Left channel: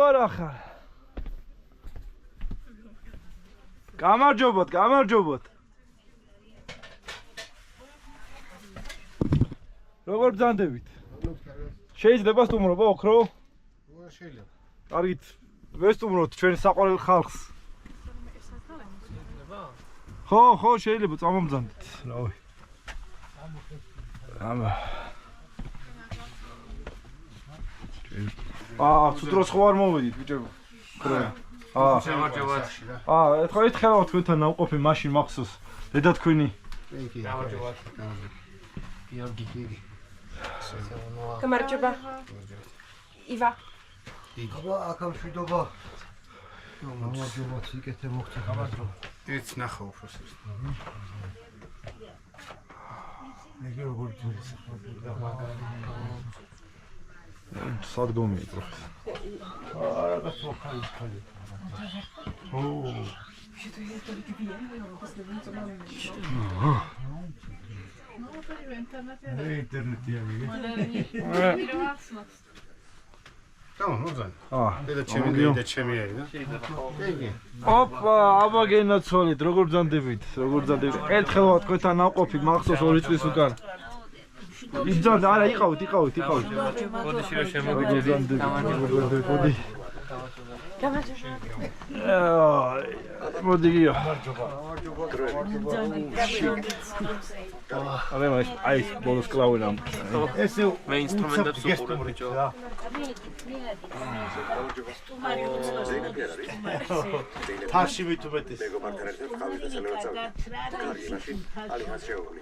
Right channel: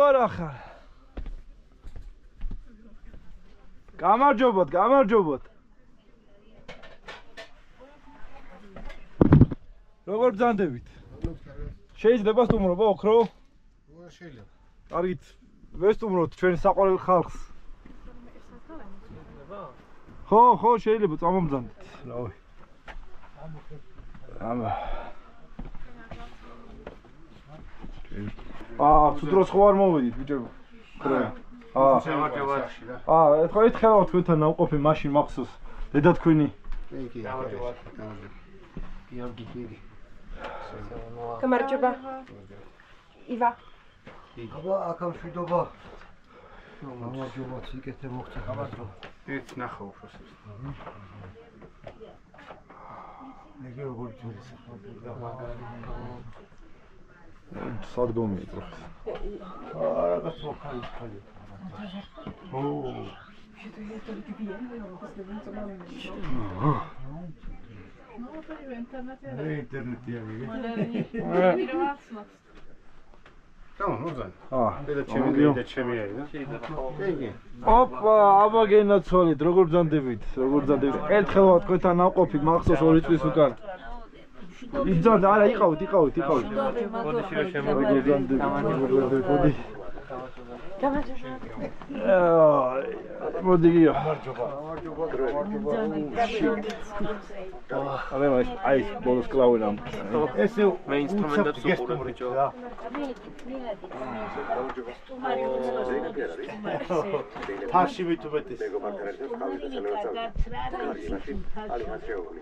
როგორ ახარ? გამარჯობოთ, გამარჯობოთ. როგორ ბრძანდებით? შეიძლება სტუმრობა ოქრო? შეიძლება. კარგით, ვესტუმროთ ჩვენ საყვარელ ხალხს. ხო, შეიძლება წამომბრძანდეთ. რავი. ცუდროს ხო არ მოვედით, ბიჭებო. ეთქვა თქვენთან ნავყოფი მაშინ მახსოვს. დედა თქვენი. გიორგი. გამარჯობა. ივა. აბა, აქამშვიდობა. გამარჯობა, სიკეთე მოხდა. გამარჯობა. ეს ნახა უფროსებს. მეგე როგორ ჯურის სადგომია პროფეს. რაღაც მოხალი. ინტერნეტია მიგე. და ჩემი არის და? ოპა, აბა გენაცვალეთ, როგორ ბრძანდებით, ერთხელვა თქვენთან ნავყოფი მახსოვს 2 წლის უკან. იბრძანდა, არა, იყავით. მოდი შეიძლება მოდი. მოდი გიო. აი, ბოლოს კლავენ ამ. ესე მე ინსტრუმენტებს უყურებ ბიჭო. ფარში მით უმეტეს. მეგობართან ერთად ყავით და სანამ წავიდეთ. კარგი, მაშინ ალიხას შეუგული.